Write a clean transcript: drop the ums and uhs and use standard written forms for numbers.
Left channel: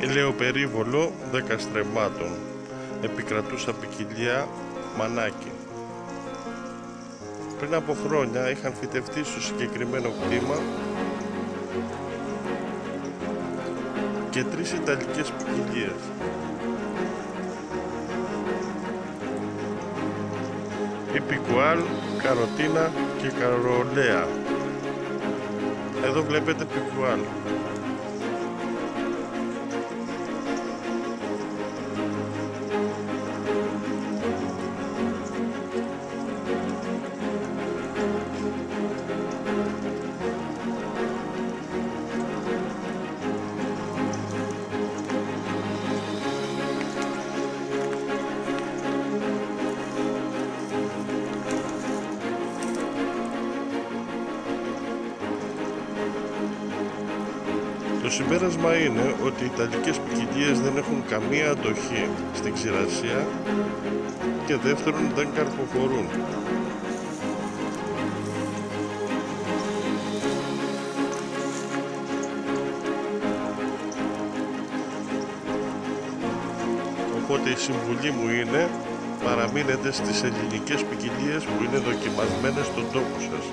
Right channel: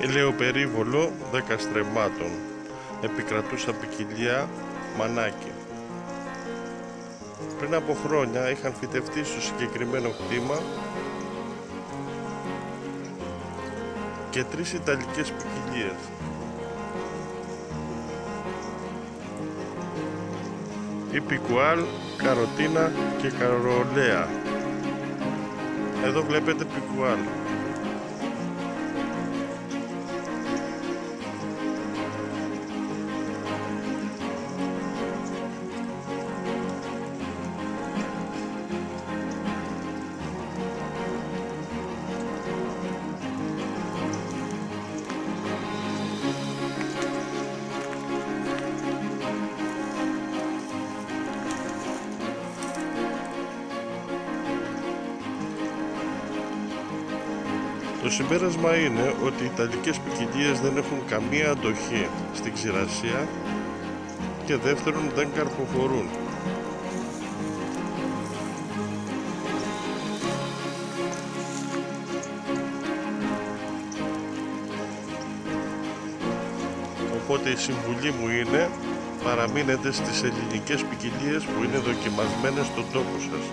Ελαιοπερίβολο 10 στρεμμάτων. Επικρατούσα ποικιλία μανάκι. Πριν από χρόνια είχαν φυτευτεί στο συγκεκριμένο κτήμα και 3 ιταλικές ποικιλίες. Η Πικουάλ, Καροτίνα και Καρολέα. Εδώ βλέπετε Πικουάλ. Το συμπέρασμα είναι ότι οι ιταλικές ποικιλίες δεν έχουν καμία αντοχή στην ξηρασία και δεύτερον δεν καρποφορούν. Οπότε η συμβουλή μου είναι παραμείνετε στις ελληνικές ποικιλίες που είναι δοκιμασμένες στον τόπο σας.